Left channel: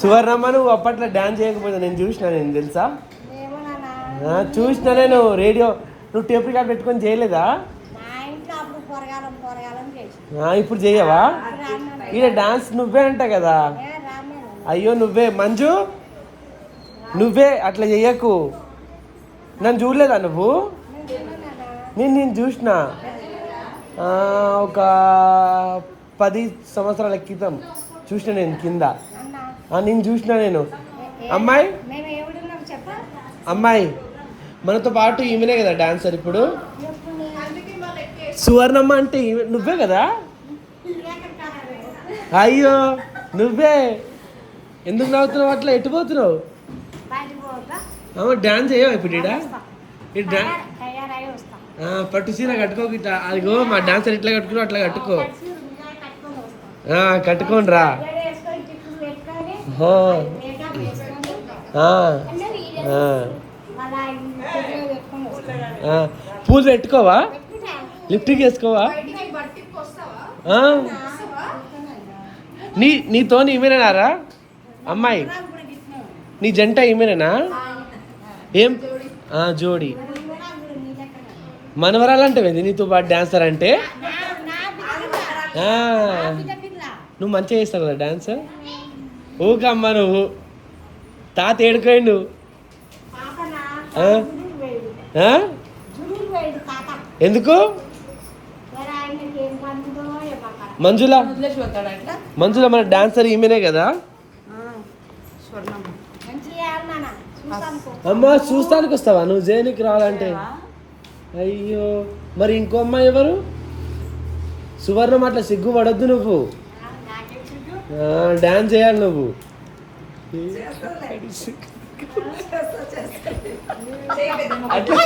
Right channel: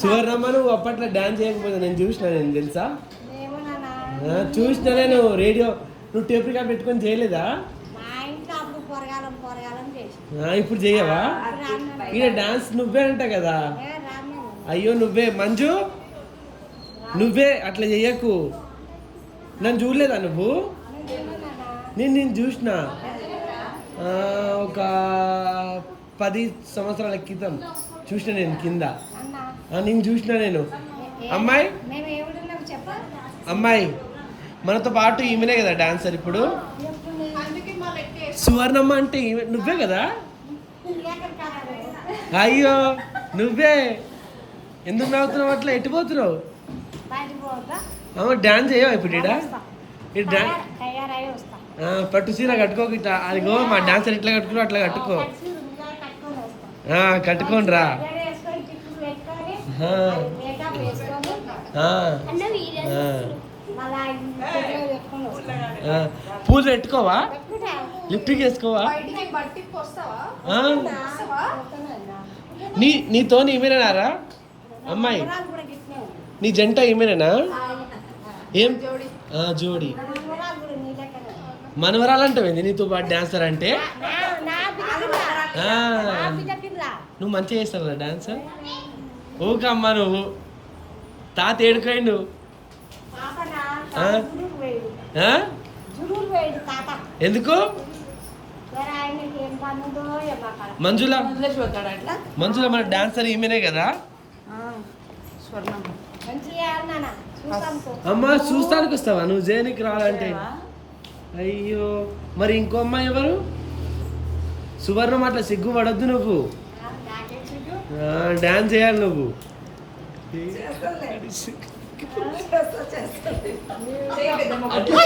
సువర్ణమ్మ నువ్వు అప్పట్లో డాన్స్ చేయకపోతే నేను తెలుసా చూసిన నేను రేడియో నువ్వు టేప్ రికార్డ్ పెట్టుకొని చేయలేదా ఇప్పుడు చెయ్యవా ఈడ డాన్స్ నువ్వే అంట కదా అయ్యో నువ్వే మంజు నువ్వే అట్లా చెయ్యకు నన్ను చూడలేదా నువ్వు నేను చూసిన ఒక 10 సంవత్సరాల క్రితం చూసిన నేను కింద నేను చూసిన నేను అమ్మాయి మనతో పాటు ఈమెనే కదా డాన్సర్ ఇప్పుడు సువర్ణమ్మ అంటే నువ్వే కదా అయ్యో నువ్వే ఎందుకు నవ్వుతున్నావు అట్లా ఎట్టిపోతున్నావు డాన్స్ చేయవా ఇప్పుడు పట్టు సీర కట్టుకోక ఇట్లా అదిగో మా డాన్సర్ ఎట్లా కట్టుకున్నావు అట్లా కట్టుకో కట్టుకోండి రా పూలు పెట్టుకోవా లిప్టిక్ వేసుకోవా నీతో ఈమెనేనారా అమ్మాయి నీ జంట ఈమెనేనా ఏం జోడి మనవరాలంటే నీతో పాటు డాన్సర్ అంటే నువ్వు మంచిగా చేస్తావు కదా డాన్స్ ఊకమ్మా నువ్వు తాత ఏడుకోండు ఎందుకు మంజుల మన డాన్సర్ ఈమెనే కదా అమ్మా చూస్తానికి వస్తావా నువ్వు జైనికి రావాలంటే అయ్యో మరి ఇంకో అమ్మాయి ఎవరు సువర్ణం అట్లా సిగ్గు పడొద్దు నువ్వు డాన్స్ చేయాలి నువ్వు అట్లా